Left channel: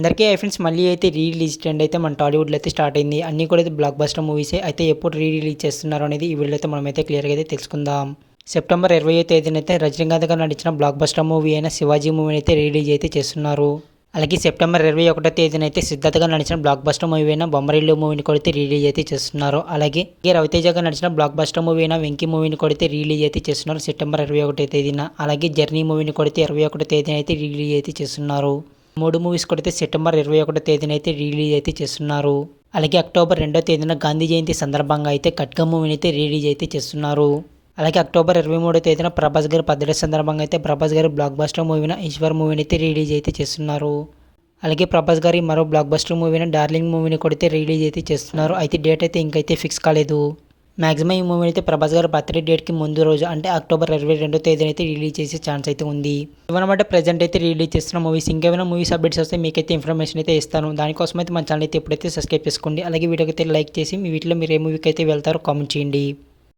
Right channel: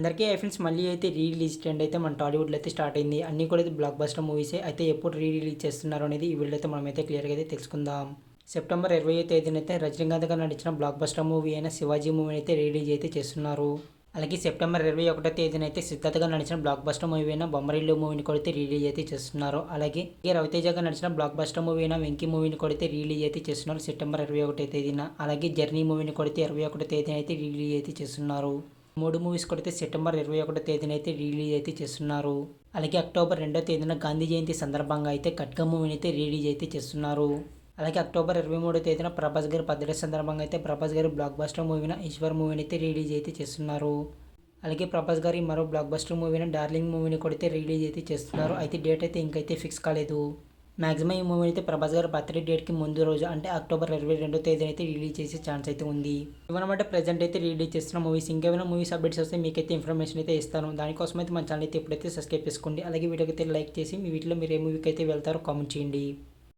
అందరికీ ఫ్రెండ్స్ మళ్ళీ అయితే రిలీజ్ ట్రెండ్ అయితే మన టాలీవుడ్లో అయితే స్టార్ట్ అయింది. అన్నీ కూడా అయితే బ్లాక్ బస్టర్ మూవీసే. అయితే ఎప్పుడు రిలీజ్ చేస్తున్నారు అనేది ఈ వీడియోలో అయితే మనమైతే క్లియర్గా అయితే తెలుసుకుందాం. సెప్టెంబర్ 20వ తేదీన అయితే రజనీకాంత్ గారు నటించిన బ్లాక్ బస్టర్ మూవీ అయిన శివాజీ మూవీని అయితే రిలీజ్ అయితే చేస్తున్నారు. అలాగే సెప్టెంబర్ 21వ తేదీన అయితే సిద్ధార్థ్ గారు నడిచిన బ్లాక్ బస్టర్ మూవీ అయిన బొమ్మరిల్లు మూవీని కూడా అయితే రిలీజ్ అయితే చేస్తున్నారు. అలాగే రవితేజ గారు నడిచిన బ్లాక్ బస్టర్ మూవీ అయిన వెంకీ మూవీని కూడా అయితే రిలీజ్ అయితే చేస్తున్నారు సెప్టెంబర్ 21వ తేదీన. అలాగే జర్నీ మూవీని కూడా అయితే 21వ తేదీన అయితే రిలీజ్ అయితే చేస్తున్నారు. 3 మూవీస్ కూడా అయితే సెప్టెంబర్ 21వ తేదీన అయితే రిలీజ్ అయితే చేస్తున్నారు. అలాగే అక్టోబర్ 2వ తేదీన గాంధీ జయంతి సందర్భంగా అయితే ఖడ్గ మూవీని అయితే రిలీజ్ అయితే చేస్తున్నారు. అలాగే అక్టోబర్ 23వ తేదీన ప్రభాస్ గారి బర్త్డే సందర్భంగా అయితే ప్రభాస్ గారి బ్లాక్ బస్టర్ మూవీన ఈశ్వర్ మూవీని అయితే రిలీజ్ అయితే చేస్తున్నారు. అలాగే ప్రభాస్ గారి మరో బ్లాక్ బస్టర్ మూవీన డార్లింగ్ మూవీని కూడా అయితే రిలీజ్ అయితే చేస్తున్నారు. అయితే డేట్ అయితే ఇంకైతే ఫిక్స్ కాలేదు. మ్యాక్సిమం ఈ మూవీ అయితే ప్రభాస్ గారి బర్త్డే డేట్కి ముందు రోజు అంటే అక్టోబర్ 22వ తేదీన అయితే రిలీజ్ చేసే ఛాన్స్ అయితే ఉంది. ఇవన్నమాట ప్రజెంట్ అయితే రిలీజ్ చేస్తున్న మూవీస్. ఇంకేమైనా మూవీస్ అప్డేట్స్ వస్తే మీకైతే ఇన్ఫర్మేషన్ అయితే ఇస్తాను. దానికోసం అయితే మన ఛానల్ అయితే ఎప్పుడైతే సబ్స్క్రైబ్ చేసుకోండి. అలాగే వీడియోకి అయితే లైక్ చేసి మీ వీటిలో మీరు ఏ మూవీకి అయితే వెళ్తారో కామెంట్ చేయండి.